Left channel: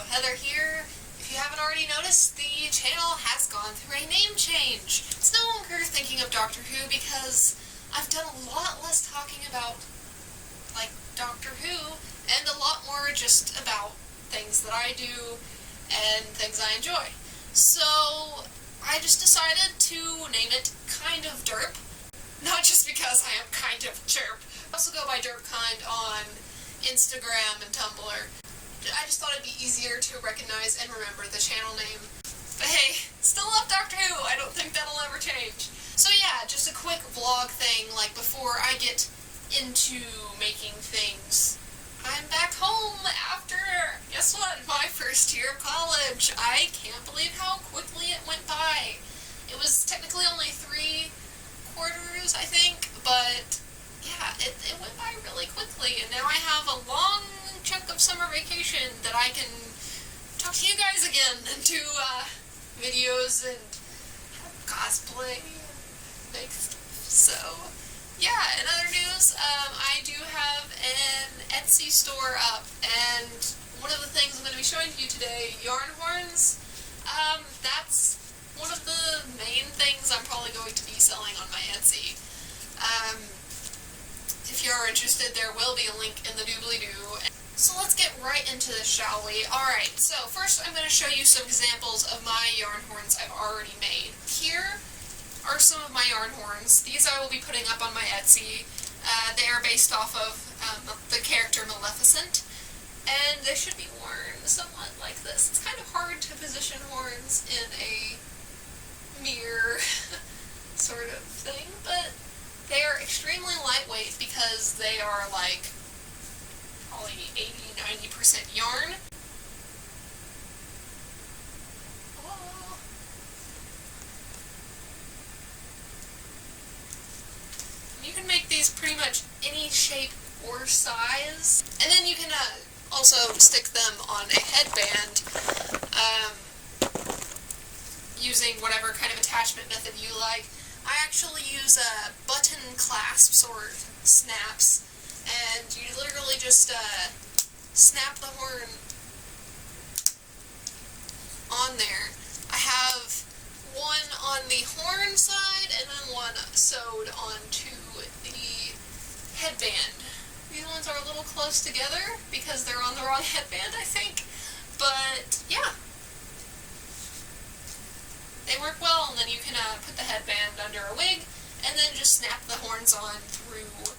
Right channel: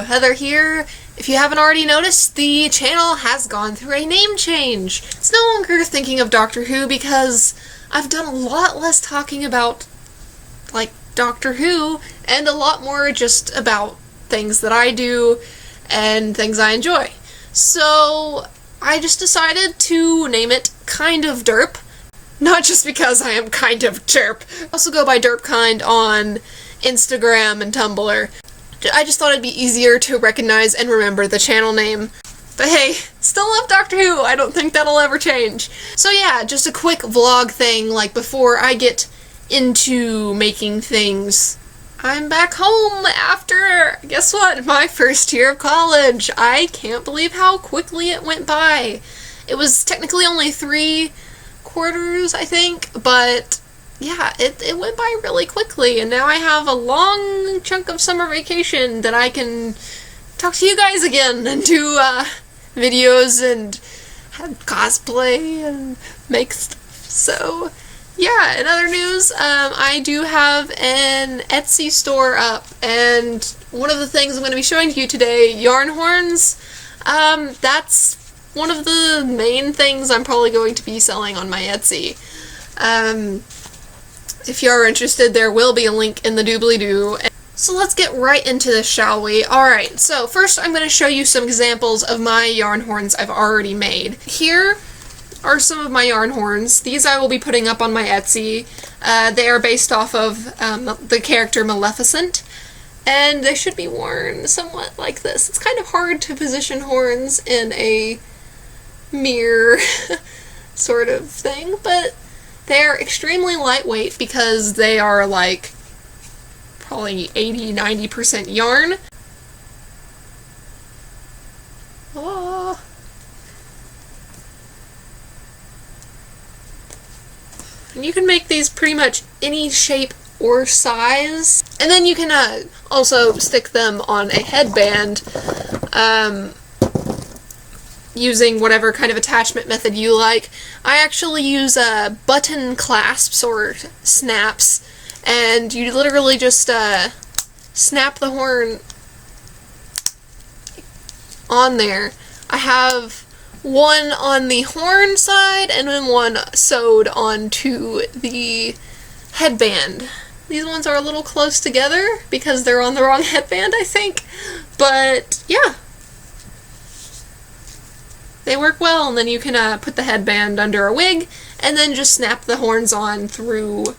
Heather here. If you haven't already noticed, the channel has gone through a name change. It's no longer Thinking of Doctor Who because I've done a lot less talking about, like, Doctor Who and a lot more just about things that I do and things I enjoy. So I just decided to name it Kind of Derp. Not just because I am kind of derp. I also go by DerpKind on Instagram and Tumblr. I just thought it'd be easier to recognize and remember the channel name. But hey, still love Doctor Who, I don't think that'll ever change. So yeah, just a quick vlog thing, like before I get into making things. I'm back home after, guess what, my first year of college. I can't believe how quickly it went by. It was technically only 3 quarters, I think, but yeah, it went by really quickly, and now I have a long chunk of summer vacation that I can talk to you guys again and do videos and have cosplay and make stuff. So yeah, in other news, I do have an Etsy store up, and one of the things I'm going to be showing to you today, yarn horns, that's one of the main things I'm probably going to be selling on my Etsy. If you are interested, there will be a link in the doobly-doo. So let's get right into this, shall we? Alright, so first I'm going to show you some examples of my yarn horns I've already made. Here are some of my yarn horns. These I will be putting up on my Etsy. They are based off of the character Maleficent, and they should be worn somewhat like this. It's kind of hard to position horns in a mirror sort of thing, but they're extremely lightweight because they are like probably 80-90% yarn. Oh. And you can make these pretty much any shape or size, and then you can also stick them on a headband using whatever kind of attachment method you like. I actually use button clasps or snaps, and you literally just snap the horn on there. I have one on the horn side and then one sewed onto the headband. These ones are a little close together because they're on the wrong headband, I think, but yeah. They work well, and then you can put the headband under a wig and then just snap the horns on through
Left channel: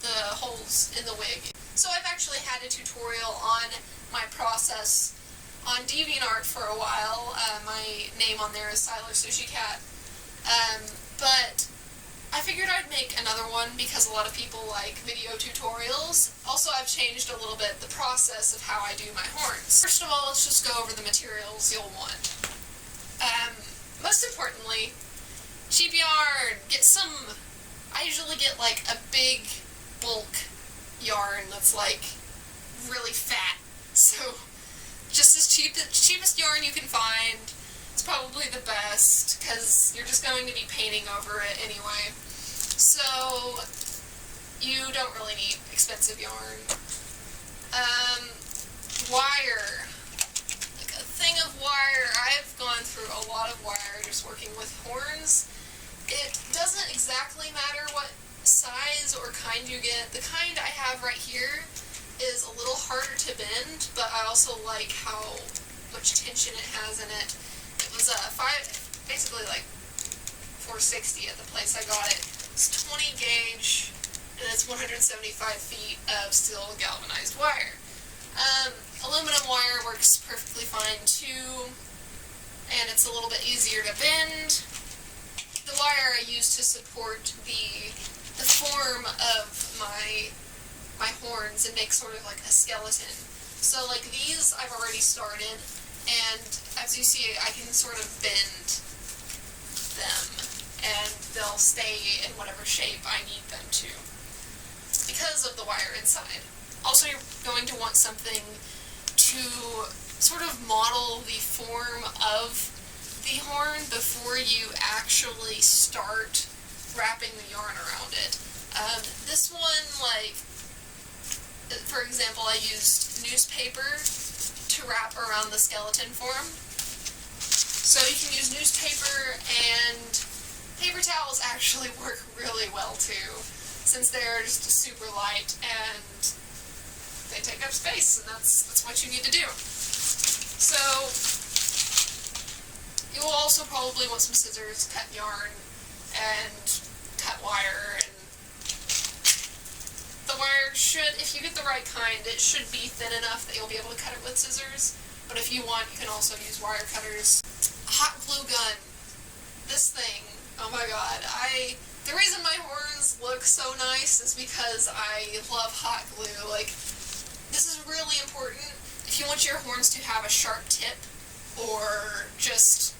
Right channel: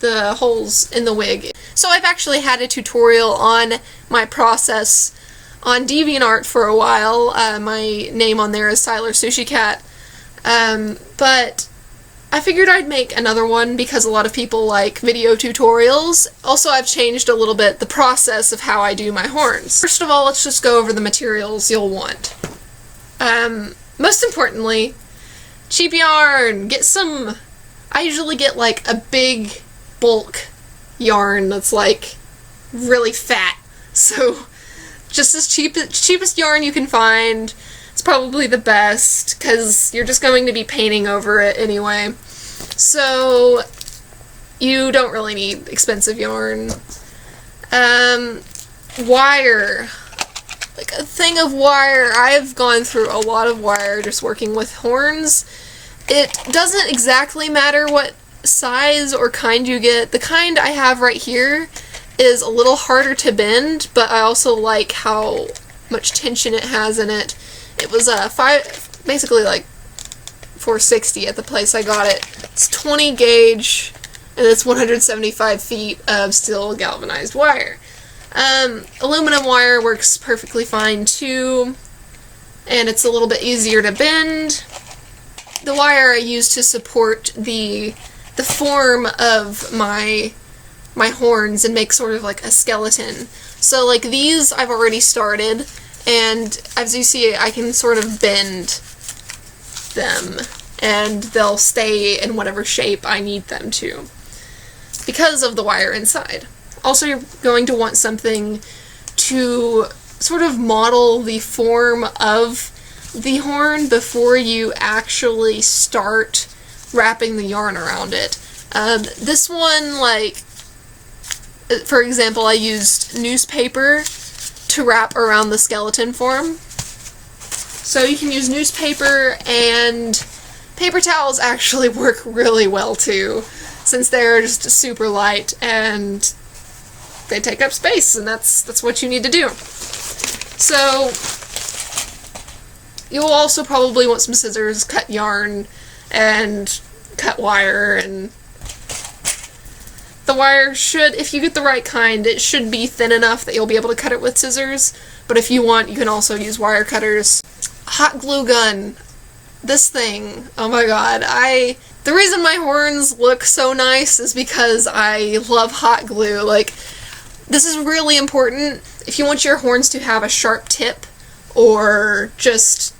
the holes in the wig. So I've actually had a tutorial on my process on DeviantArt for a while. My name on there is Siler Sushi Cat, but I figured I'd make another one because a lot of people like video tutorials. Also, I've changed a little bit the process of how I do my horns. First of all, let's just go over the materials you'll want. Most importantly, cheap yarn. Get some, I usually get like a big bulk yarn that's like really fat. So just as cheapest yarn you can find. It's probably the best because you're just going to be painting over it anyway. So you don't really need expensive yarn. Wire. Like a thing of wire. I've gone through a lot of wire just working with horns. It doesn't exactly matter what size or kind you get. The kind I have right here is a little harder to bend, but I also like how much tension it has in it. It was basically like $4.60 at the place I got it. It's 20 gauge, and it's 175 feet of steel galvanized wire. Aluminum wire works perfectly fine too, and it's a little bit easier to bend. The wire I use to support the form of my horns and make sort of like a skeleton. So like these I've already started, and as you see I can sort of bend them and they'll stay in whatever shape I need them to because of the wire inside. Also, you're going to want something to sort of model the form of the horn before you actually start wrapping the yarn around it. This one, like, for example, I used newspaper to wrap around the skeleton form. So you can use newspaper, and paper towels actually work really well too, since they're just super light and they take up space, and that's what you need to do. So you'll also probably want some scissors, cut yarn, and cut wire, and the wire should, if you get the right kind, it should be thin enough that you'll be able to cut it with scissors, but if you want, you can also use wire cutters. Hot glue gun. This thing, oh my god, the reason my horns look so nice is because I love hot glue. Like, this is really important if you want your horns to have a sharp tip or just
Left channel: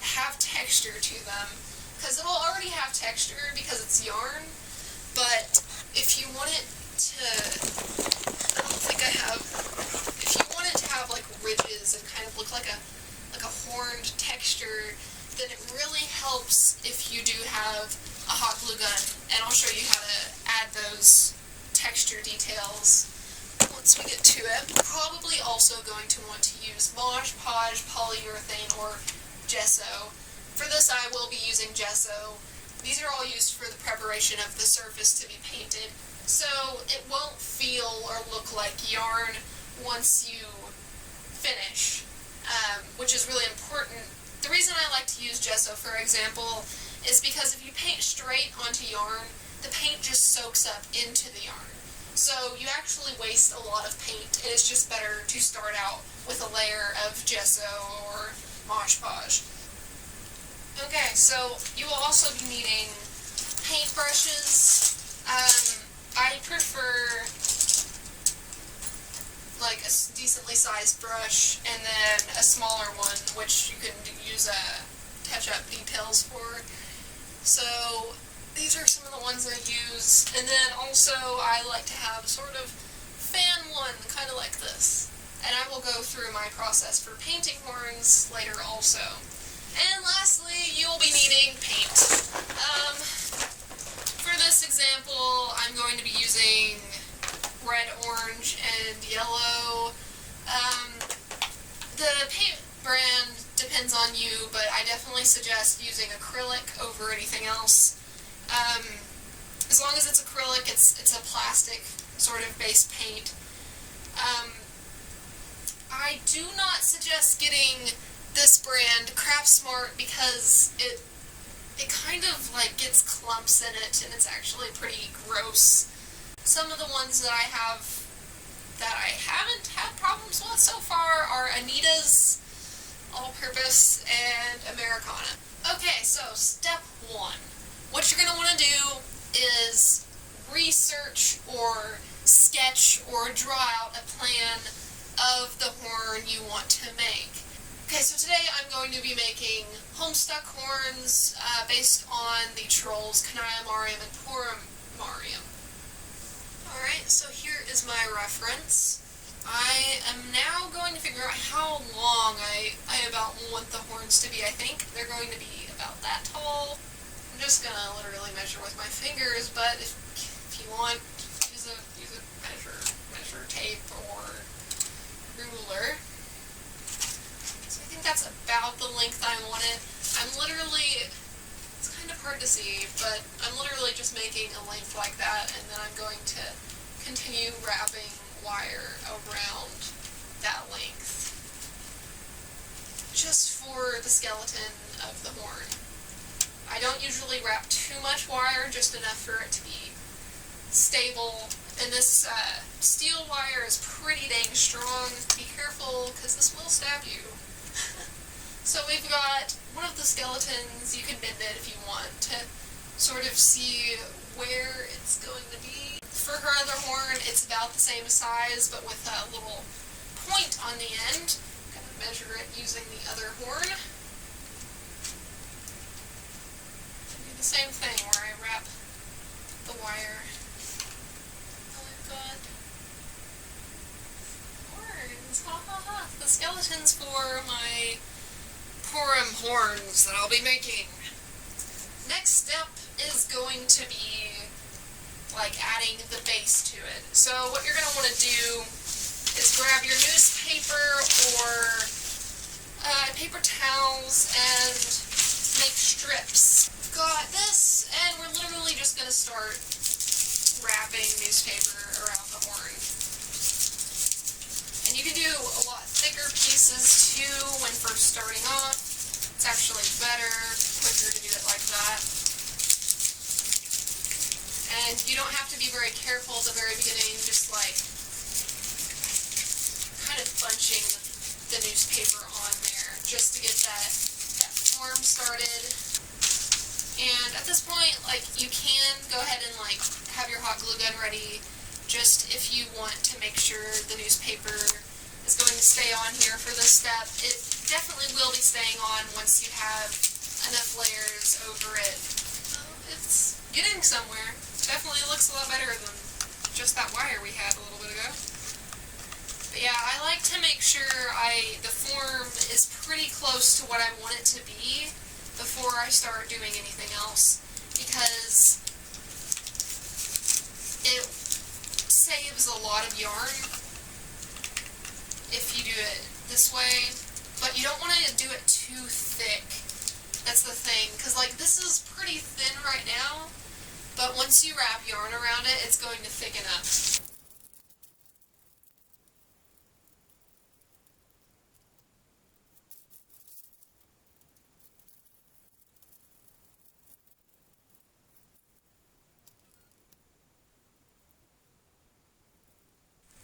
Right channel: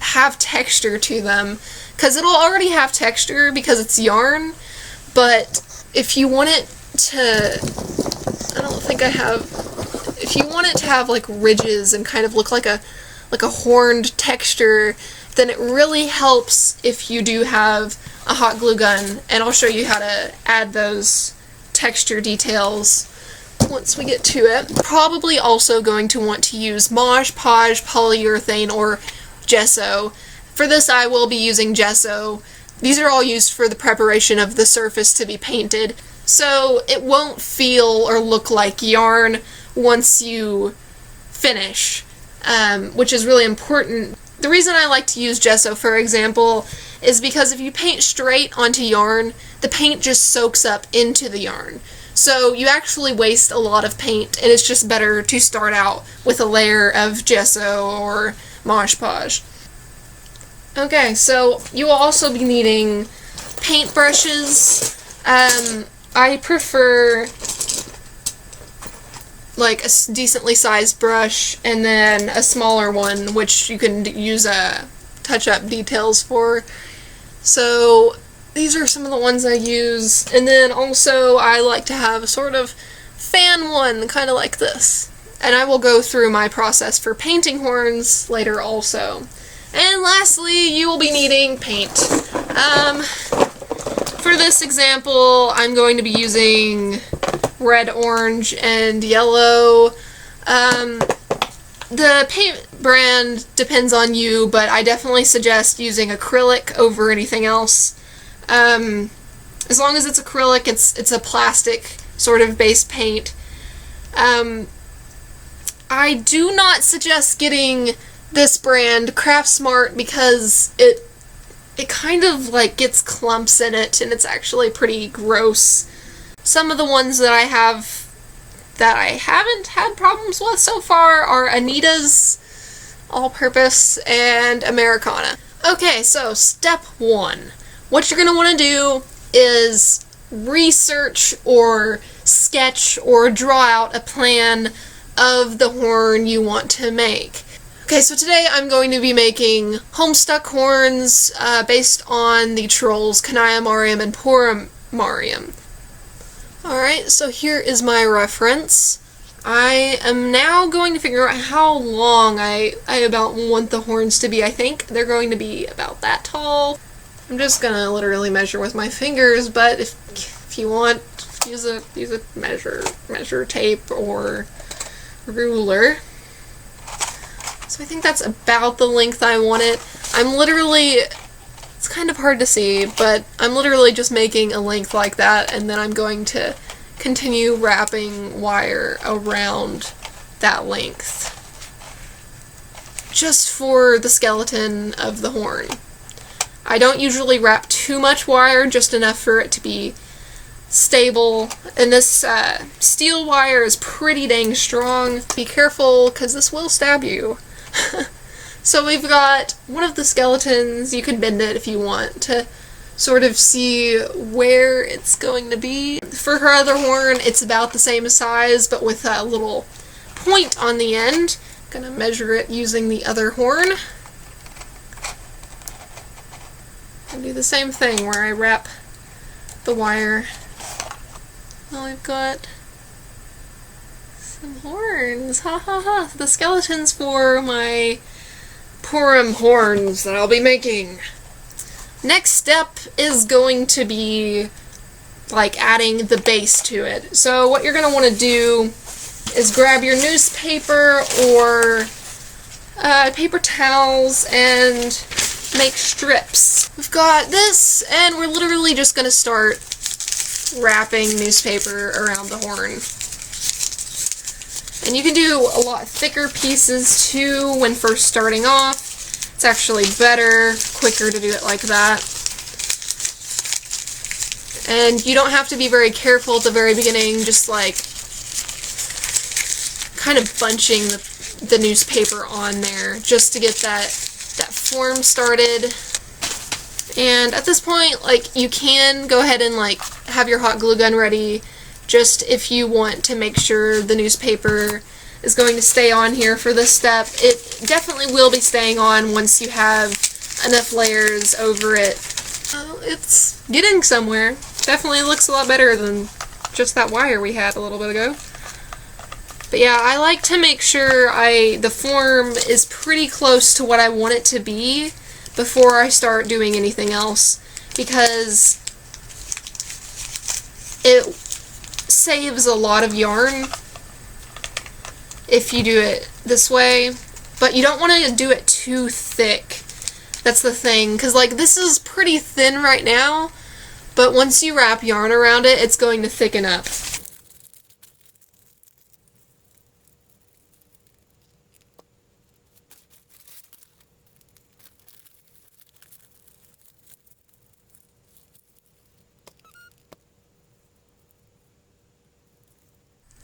have texture to them, because it'll already have texture because it's yarn, but if you want it to, if you want it to have like ridges and kind of look like a horned texture, then it really helps if you do have a hot glue gun, and I'll show you how to add those texture details once we get to it. Probably also going to want to use Mod Podge, polyurethane, or gesso. For this I will be using gesso. These are all used for the preparation of the surface to be painted, so it won't feel or look like yarn once you finish, which is really important. The reason I like to use gesso, for example, is because if you paint straight onto yarn, the paint just soaks up into the yarn. So you actually waste a lot of paint, and it's just better to start out with a layer of gesso or Mod Podge. Okay, so you will also be needing paint brushes. I prefer like a decently sized brush, and then a smaller one, which you can use touch-up details for. So these are some of the ones I use, and then also I like to have a sort of fan one, kind of like this. And I will go through my process for painting horns later also. And lastly, you will be needing paint. For this example, I'm going to be using red, orange, and yellow. The paint brand depends on you, but I definitely suggest using acrylic over anything else. As long as it's acrylic, it's a plastic sort of base paint. I do not suggest getting this brand, Craft Smart, because it kind of like gets clumps in it, and it's actually pretty gross. Some of the ones that I have that I haven't had problems with so far are Anita's All-Purpose and Americana. Okay, so step 1. What you're going to want to do is research or sketch or draw out a plan of the horn you want to make. Okay, so today I'm going to be making Homestuck horns based on the trolls Kanaya Mariam and Purim Mariam. Alright, so here is my reference. I am now going to figure out how long I about want the horns to be. I think they're going to be about that tall. I'm just gonna literally measure with my fingers, but if you want, use a measure tape or ruler. So I think that's about the length I want it. It's kind of hard to see, but I'm literally just making a length like that, and then I'm going to continue wrapping wire around that length, just for the skeleton of the horn. I don't usually wrap too much wire, just enough for it to be stable, and this steel wire is pretty dang strong. Be careful, because this will stab you. So we've got one of the skeletons. You can bend it if you want to sort of see where it's going to be. For her other horn, it's about the same size, but with a little point on the end. I'm gonna measure it using the other horn. And do the same thing where I wrap the wire. Well, we've got some horns. Ha ha ha. The skeletons for my Purim horns that I'll be making. Next step is going to be like adding the base to it. So what you're going to want to do is grab your newspaper or paper towels and make strips. We've got this, and we're literally just going to start wrapping newspaper around the horn. And you can do a lot thicker pieces too when first starting off. It's actually better, quicker to do it like that. And you don't have to be very careful at the very beginning, just like kind of bunching the newspaper on there just to get that form started. And at this point, like, you can go ahead and like have your hot glue gun ready just if you want to make sure the newspaper is going to stay on here for this step. It definitely will be staying on once you have enough layers over it. It's getting somewhere. Definitely looks a lot better than just that wire we had a little bit ago. But yeah, I like to make sure the form is pretty close to what I want it to be before I start doing anything else, because it saves a lot of yarn if you do it this way, but you don't want to do it too thick. That's the thing, because like this is pretty thin right now, but once you wrap yarn around it, it's going to thicken up.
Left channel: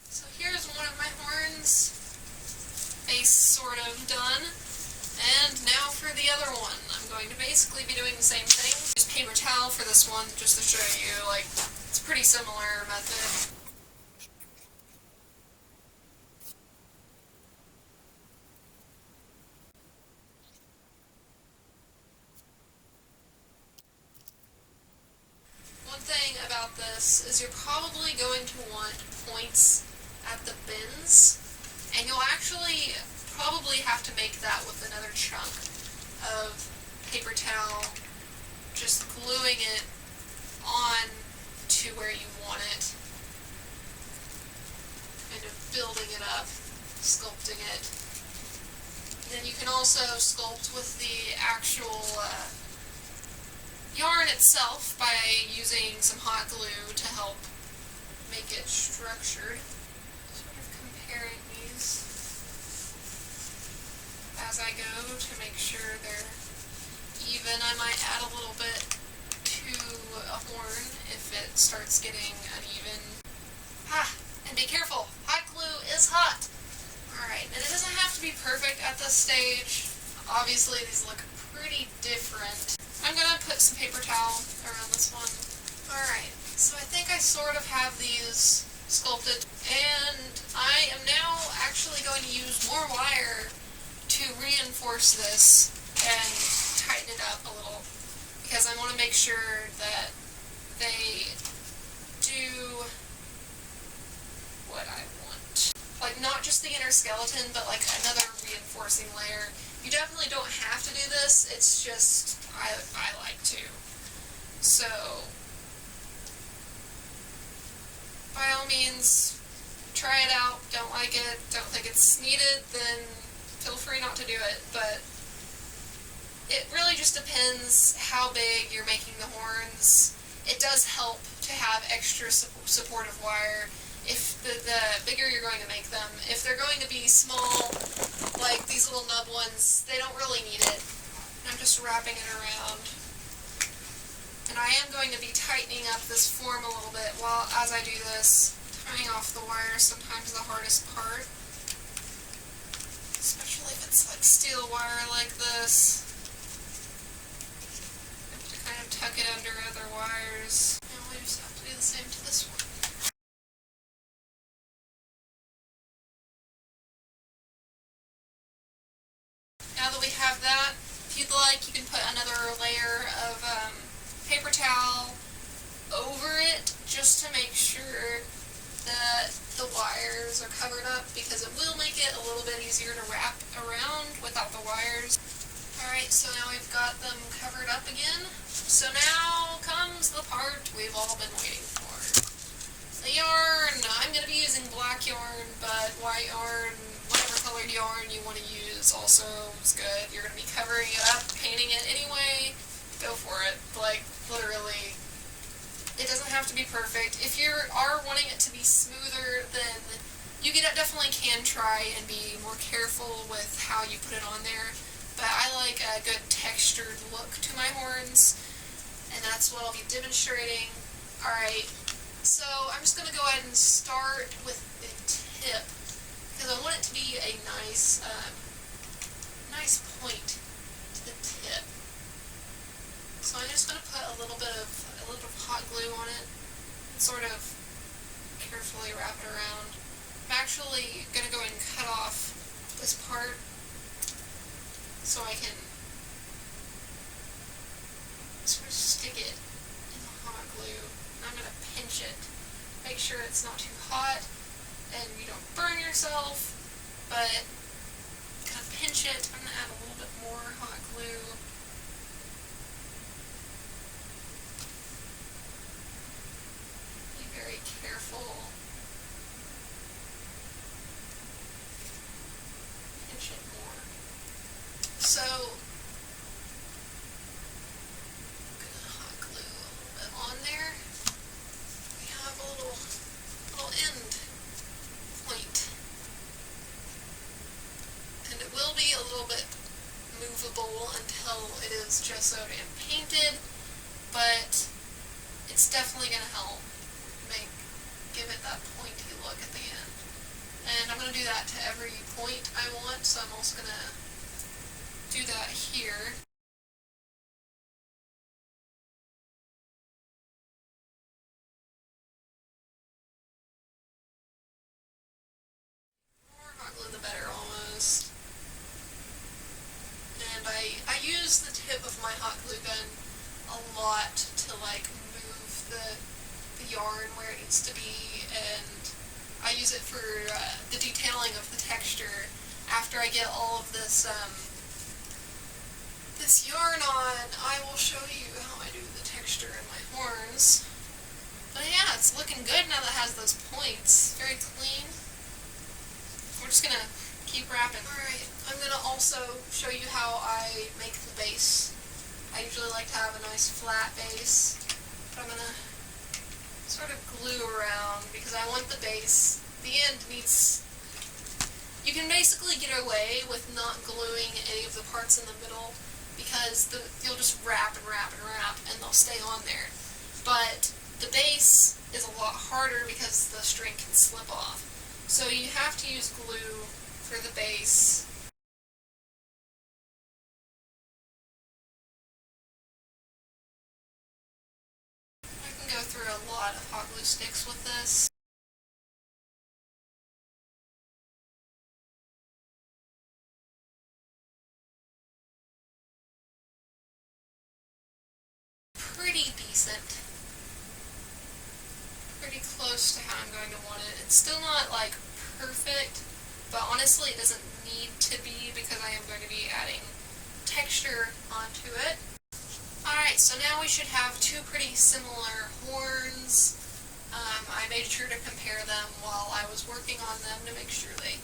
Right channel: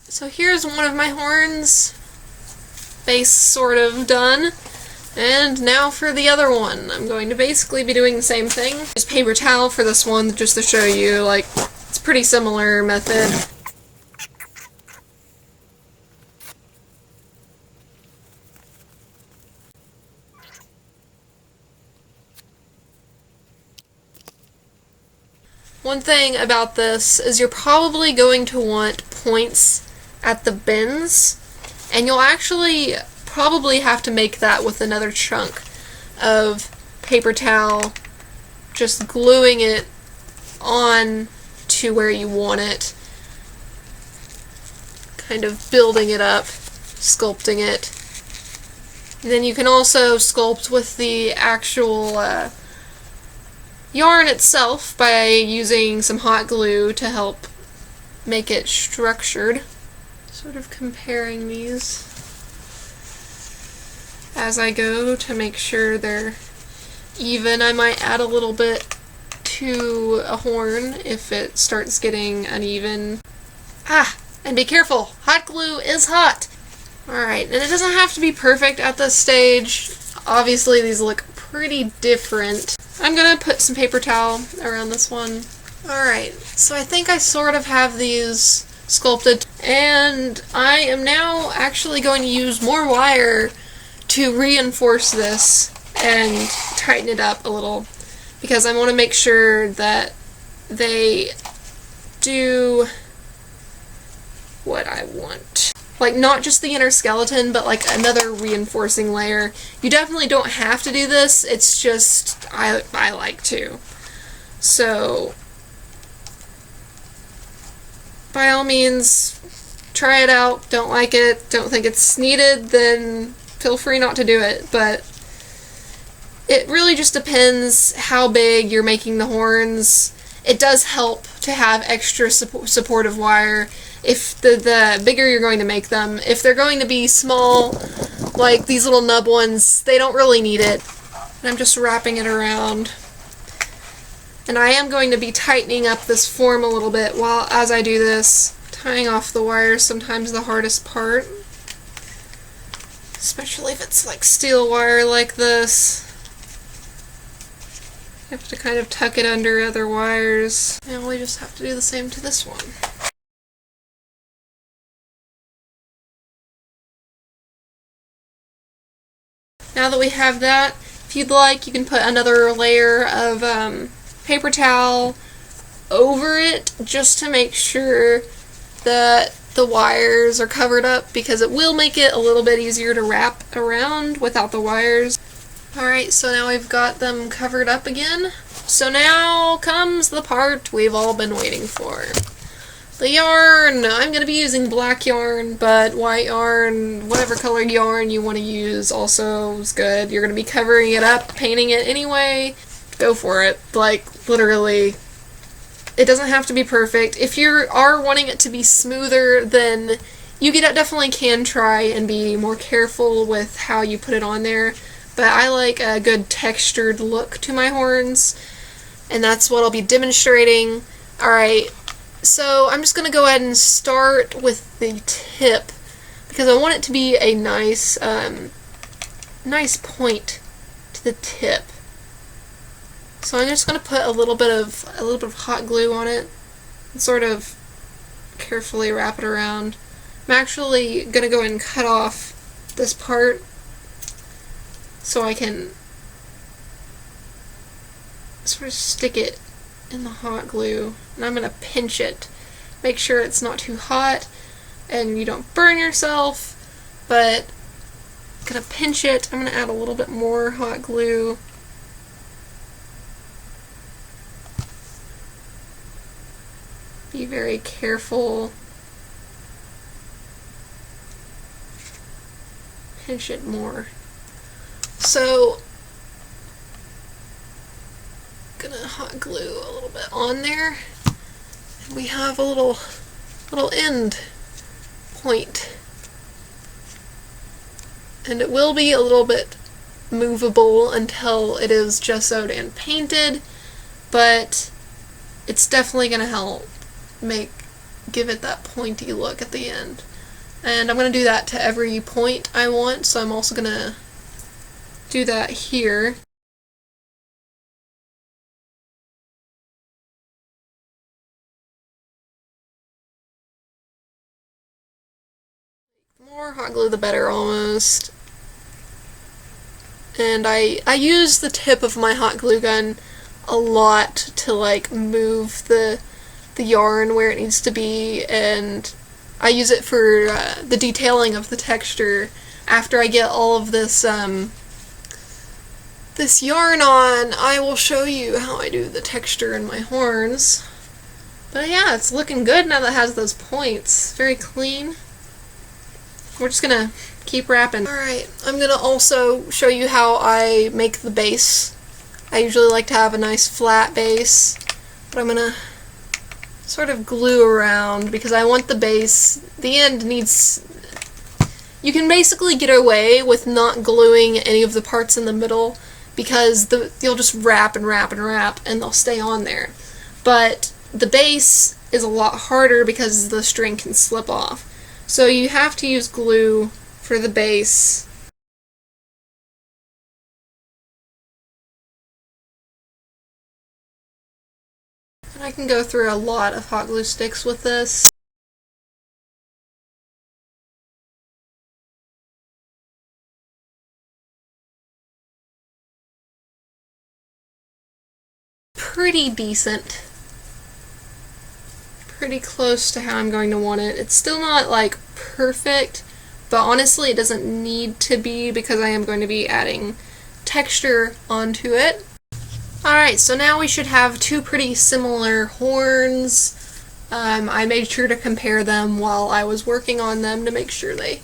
So here's one of my horns, base sort of done, and now for the other one. I'm going to basically be doing the same thing. Just paper towel for this one just to show you, like, it's a pretty similar method. One thing about this is you're probably going to want points at the bends, and you'll actually probably have to make that with another chunk of paper towel, just gluing it on to where you want it, kind of building it up, sculpting it. And then you can also sculpt with the actual yarn itself by using some hot glue to help make it structured. Sort of comparing these as I go to make sure they're even. I might add a little bit to a horn if it starts getting uneven. And be careful! Hot glue is hot! Alright, and it doesn't have to be perfect at this stage. Obviously these look pretty different. I'm gonna put some paper towel around this one. Alright, so I think I sort of have these sculpted, and I am now actually going to use more wire to reinforce this and tighten it up a little, because I want to make sure that they do what I want. Like, not just the inner skeleton, but like another reinforcing layer. You definitely don't have to do this, it's just I like to. So by all means, try it out. Don't like it, don't think it's needed, then feel free not to do it. But it really just depends how big you're making the horns. It does help to have extra supportive wire if the bigger you're going to make them. If they're going to be small, like these little nub ones, they don't really need it. And I'm just wrapping it around. And I am going to be tightening up this form a little bit as I do this. Tying off the wire is sometimes the hardest part, especially if it's like steel wire like this. You have to kind of tuck it under other wires, and we just have to do the same to this one. Now that we have that, if you'd like, you can put another layer of paper towel over it just to make sure that the wires are covered up, because it will make it a little bit easier to wrap around without the wires. Alright, so now we've got them covered up again. So now comes the part we've all been waiting for. The yarn! I'm going to be using black yarn, but white yarn, whatever colored yarn you want to use also is good. You're going to be covering it up, painting it anyway. Go for it. Like, literally. It doesn't have to be perfect. If you are wanting it to be smoother, then you definitely can try and be more careful with how you put it on there. But I like a good textured look to my horns, and that's what I'll be demonstrating. Alright, so I'm just going to go ahead and start with the tip, because I want it to be a nice, nice point to the tip. So I'm just going to put a little bit of hot glue on it and sort of carefully wrap it around. I'm actually going to go ahead and cut off this part so I can sort of stick it in the hot glue, and I'm going to pinch it. Make sure it's not too hot and you don't burn yourself, but I'm going to pinch it. I'm going to add a little bit more hot glue. Be very careful. Pinch it more. So, I'm gonna hot glue a little bit on there. We have a little end point. And it will be a little bit movable until it is gessoed and painted, but it's definitely gonna help give it that pointy look at the end. And I'm going to do that to every point I want, so I'm also going to do that here. The more hot glue the better, almost. And I use the tip of my hot glue gun a lot to like move the yarn where it needs to be, and I use it for the detailing of the texture. After I get all of this this yarn on, I will show you how I do the texture in my horns. But yeah, it's looking good now that it has those points. Very clean. We're just gonna keep wrapping. Alright, I'm gonna also show you how I make the base. I usually like to have a nice flat base, but I'm gonna sort of glue around because I want the base, the end needs, you can basically get away with not gluing any of the parts in the middle because you'll just wrap and wrap and wrap and they'll stay on there. But the base is a lot harder because the string can slip off. So you have to use glue for the base. I can go through a lot of hot glue sticks with this. Pretty decent. Pretty close to how I'm going to want it. It's still not like perfect, but honestly it doesn't need to be because I am going to be adding texture onto it. Alright, so now we should have two pretty similar horns. I made sure to compare them while I was working on them to make sure they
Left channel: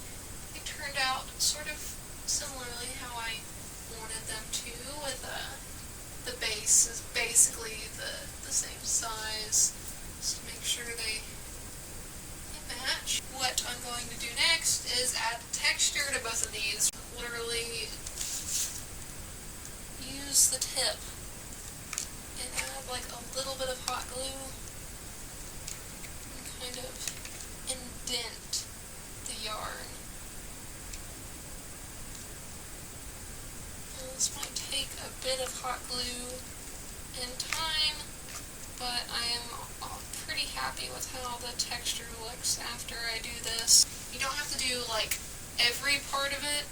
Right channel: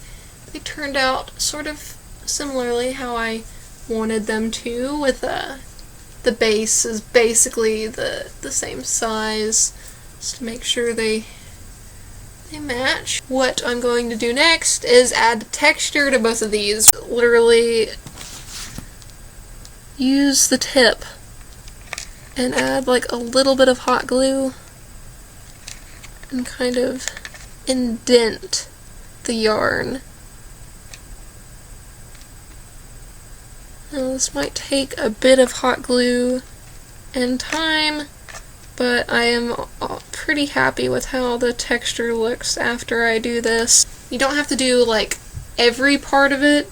turned out sort of similarly how I wanted them to, with the base is basically the same size, just to make sure they match. What I'm going to do next is add texture to both of these. Literally use the tip and add like a little bit of hot glue and kind of indent the yarn. Now this might take a bit of hot glue and time, but I am pretty happy with how the texture looks after I do this. You don't have to do like every part of it,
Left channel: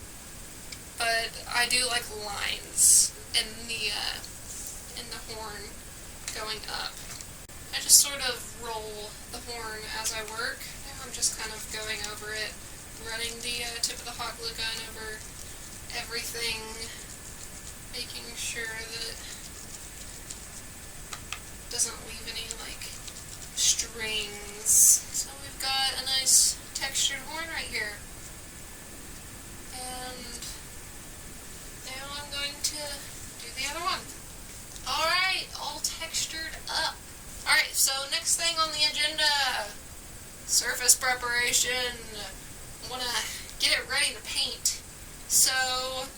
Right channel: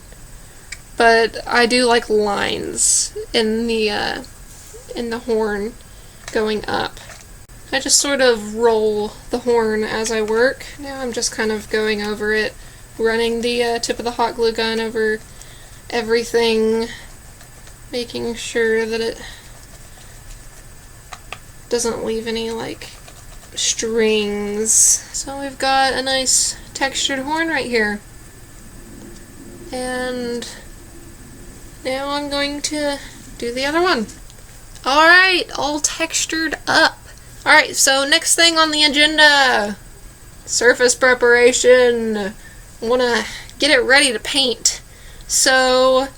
but I do like lines in the horn going up. I just sort of roll the horn as I work. Now I'm just kind of going over it, running the tip of the hot glue gun over everything, making sure that it doesn't leave any like strings. So we've got a nice textured horn right here. And now I'm going to do the other one. Alright, all textured up. Alright, so next thing on the agenda, surface preparation. I want to get it ready to paint. So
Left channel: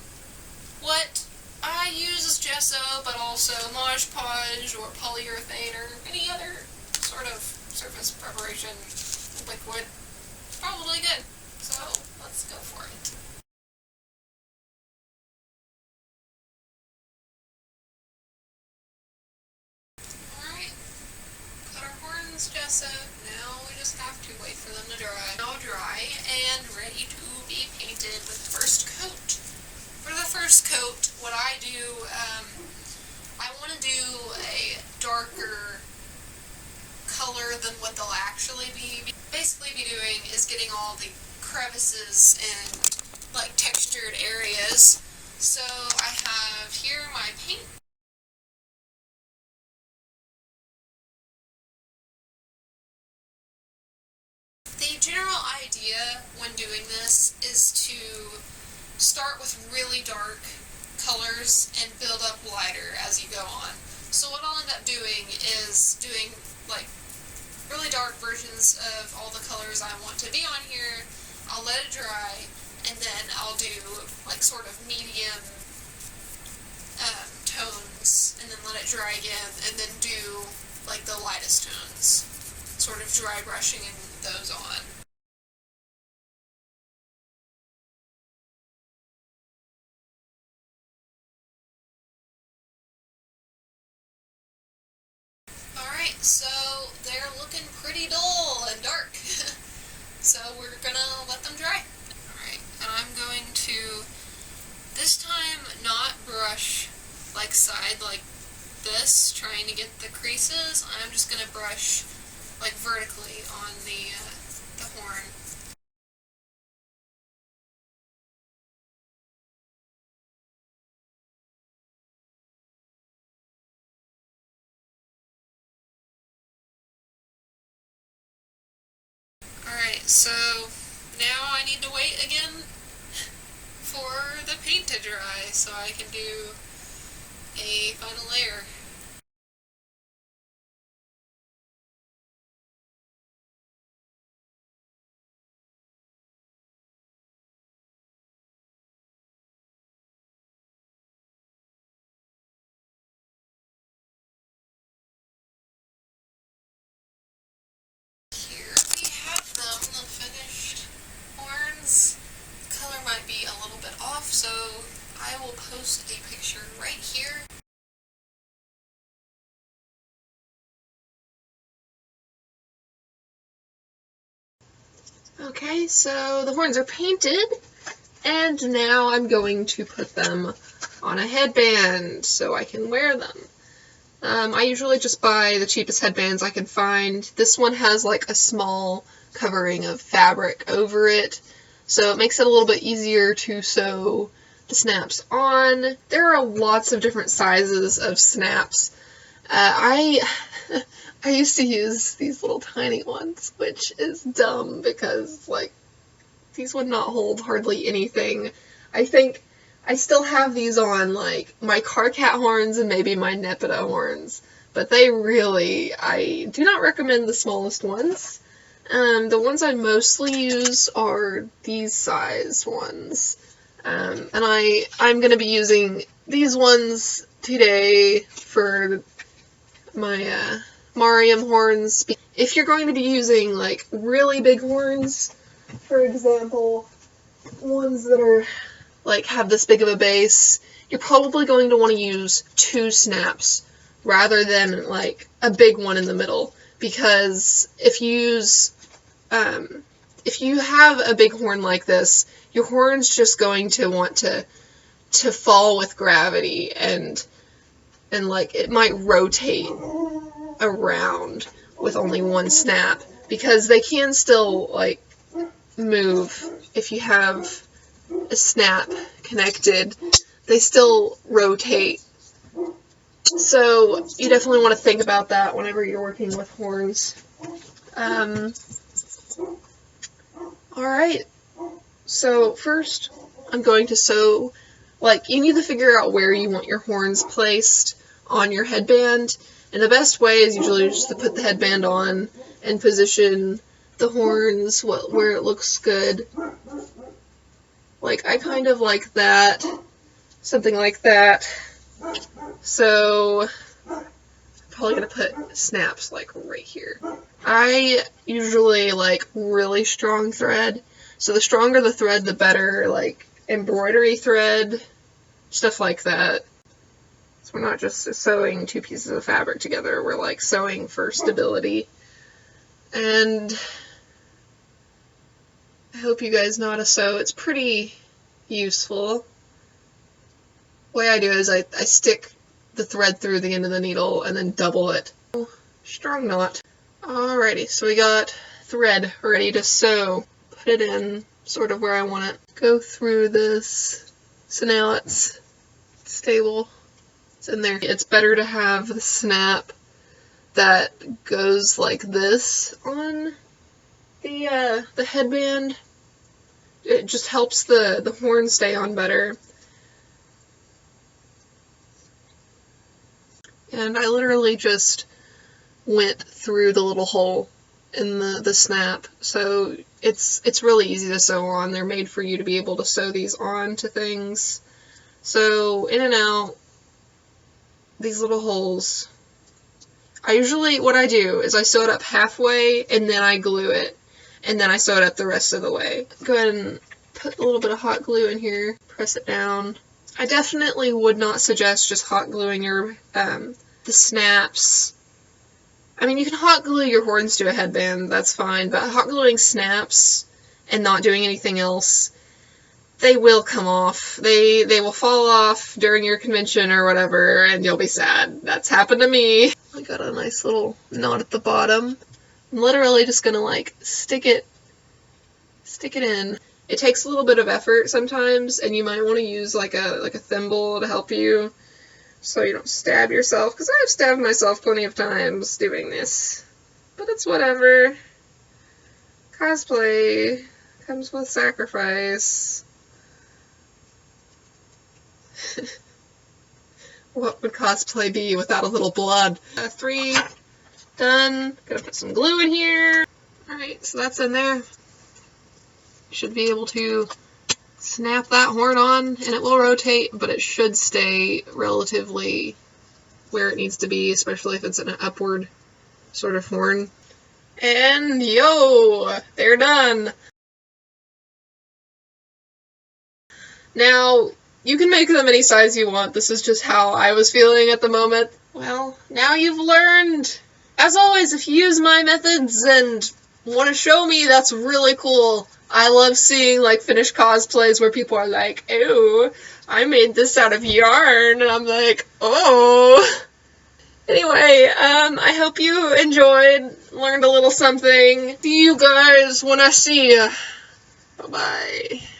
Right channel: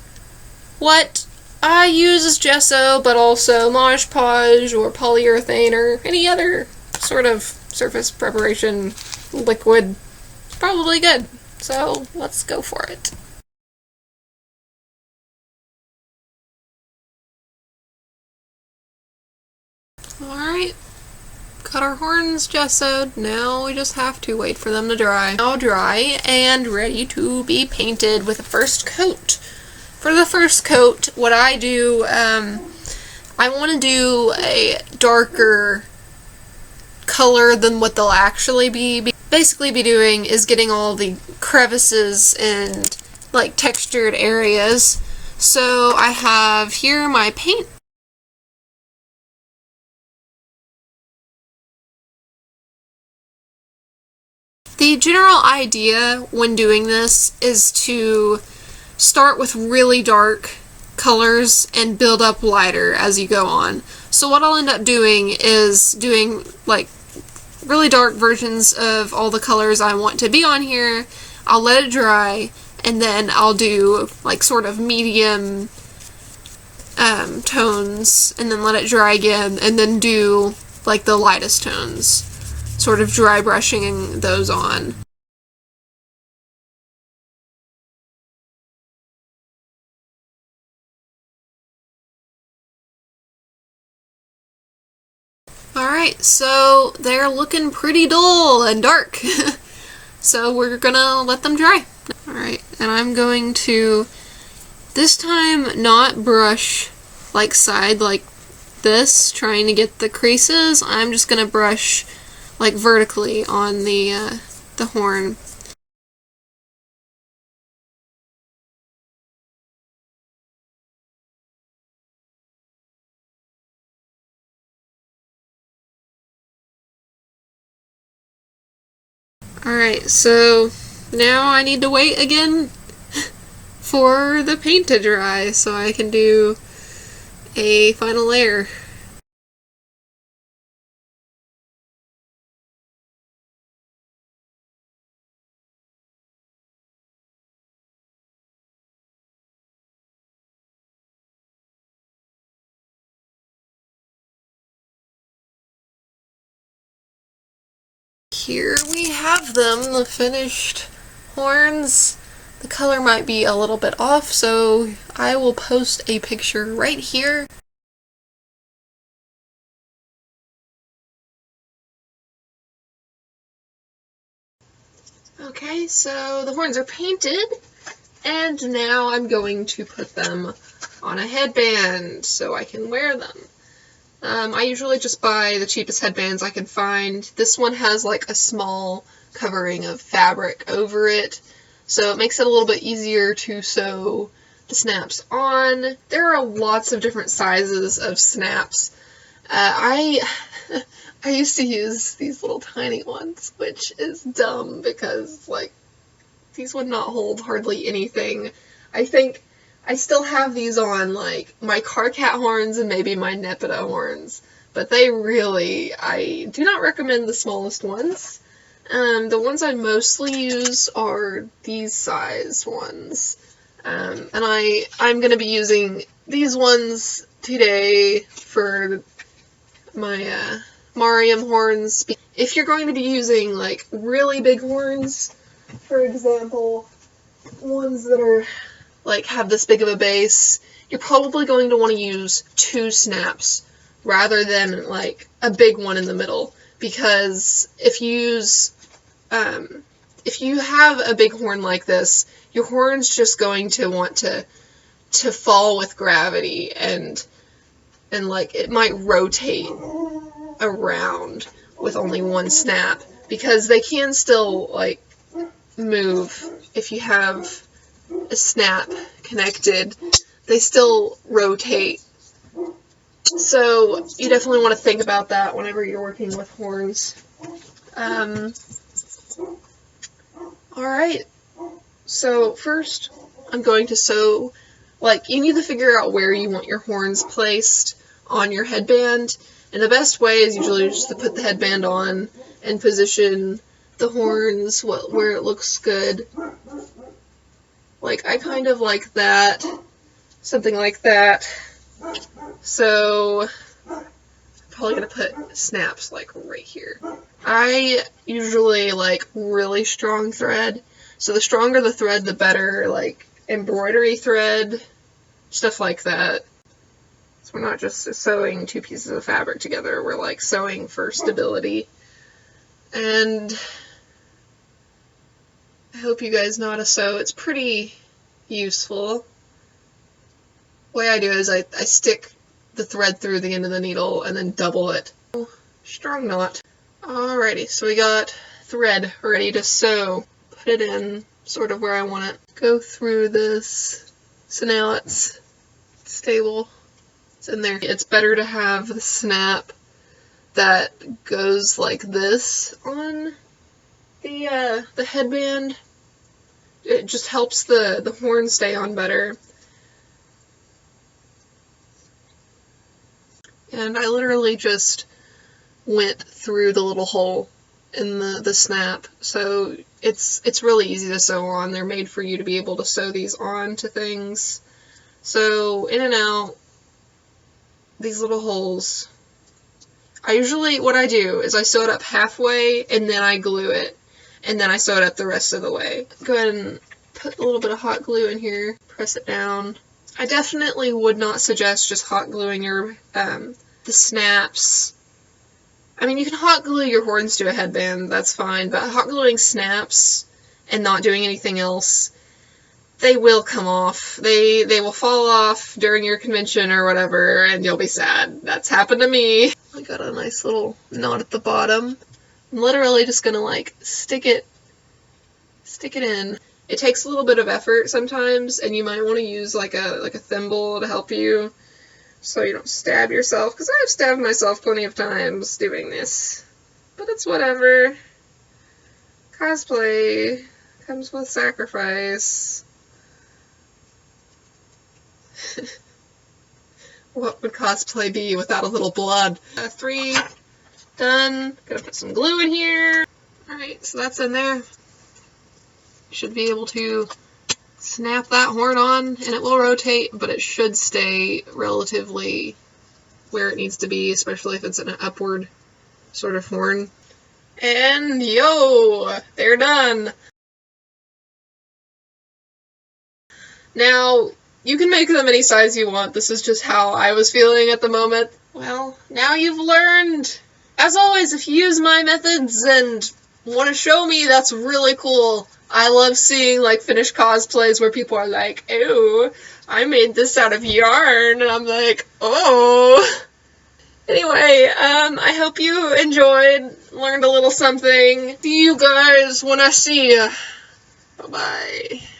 what I use is gesso, but also Mod Podge or polyurethane or any other sort of surface preparation liquid. It's probably good. So let's go for it. Alright, got our horns gessoed. Now we just have to wait for them to dry. Now dry and ready to be painted with the first coat. For the first coat, what I do, I want to do a darker color than what they'll actually be. Basically be doing is getting all the crevices and like textured areas. So I have here my paint. The general idea when doing this is to start with really dark colors and build up lighter as you go on. So what I'll end up doing is doing like really dark versions of all the colors I want to be on here. I'll let it dry, and then I'll do like sort of medium tones, and then let it dry again, and then do like the lightest tones, sort of dry brushing those on. Alright, so they're looking pretty dull and dark. So we're gonna let them dry. Alright, and I'm going to, this time, not brush like side like this, trying to get the creases. I'm just gonna brush like vertically on the horn. Alright, so now I need to wait again for the paint to dry so I can do a final layer. Here we have them, the finished horns. The color might be a little bit off, so I will post a picture right here. Okay, so the horns are painted, and now I'm going to put them on a headband so I can wear them. I usually just buy the cheapest headbands I can find. This one has like a small covering of fabric over it, so it makes it a little bit easier to sew the snaps on. There are lots of different sizes of snaps. I used to use these little tiny ones, which is dumb because like these would not hold hardly anything. I think I still have these on, like, my car cat horns and maybe my Nepeta horns, but they really, I do not recommend the smallest ones. The ones I mostly use are these size ones, and I'm going to be using these ones today for my Mariam horns. If you're going to be using, like, really big horns, for example, ones that are like have this big of a base, you're probably going to want to use 2 snaps rather than like a big one in the middle, because if you have a big horn like this, your horn's just going to want to fall with gravity, and like it might rotate around with only 1 snap, because they can still like move if you have a snap connected. They still rotate. So you definitely want to think about that whenever you're working with horns. Alright, so first I'm going to sew, like, you need to figure out where you want your horns placed on your headband, and the best way is usually just to put the headband on and position the horns where it looks good. Like, I kind of like that, something like that. So, I'm probably going to put snaps, like, right here. I usually like really strong thread, so the stronger the thread, the better, like, embroidery thread, stuff like that. So we're not just sewing two pieces of fabric together, we're, like, sewing for stability. And I hope you guys know how to sew. It's pretty useful. The way I do it is I stick the thread through the end of the needle and then double it. Strong knot. Alrighty, so we got thread ready to sew. Put it in sort of where I want it. Go through this. So now it's stable. It's in there. It's better to have the snap that goes like this on the headband. It just helps the horn stay on better. And I literally just went through the little hole in the snap, so it's really easy to sew on. They're made for you to be able to sew these on to things. So in and out, these little holes. What I do is I sew it up halfway and then I glue it, and then I sew it up the rest of the way. Go ahead and put a little bit of hot glue in here, press it down. I definitely would not suggest just hot gluing your the snaps. I mean, you can hot glue your horns to a headband, that's fine, but hot gluing snaps and not doing anything else, they will come off. They will fall off during your convention or whatever, and you'll be sad. That's happened to me. I got a nice little knot at the bottom. I'm literally just gonna, like, stick it in. It takes a little bit of effort sometimes, and you might want to use like a thimble to help you so you don't stab yourself, because I've stabbed myself plenty of times doing this. But it's whatever. Cosplay comes with sacrifice. What would cosplay be without a little blood? 3 done. Gonna put some glue in here. Alright, so that's in there. You should be able to snap that horn on, and it will rotate, but it should stay relatively where it needs to be, especially if it's an upward sort of horn. And yo, they're done! Now, you can make them any size you want. This is just how I was feeling at the moment. Well, now you've learned! As always, if you use my methods and want to show me, that's really cool. I love seeing, like, finished cosplays where people are like, ew, I made this out of yarn, and I'm like, oh. Anyway, I hope you enjoyed, learned a little something. See you guys when I see ya. Bye-bye.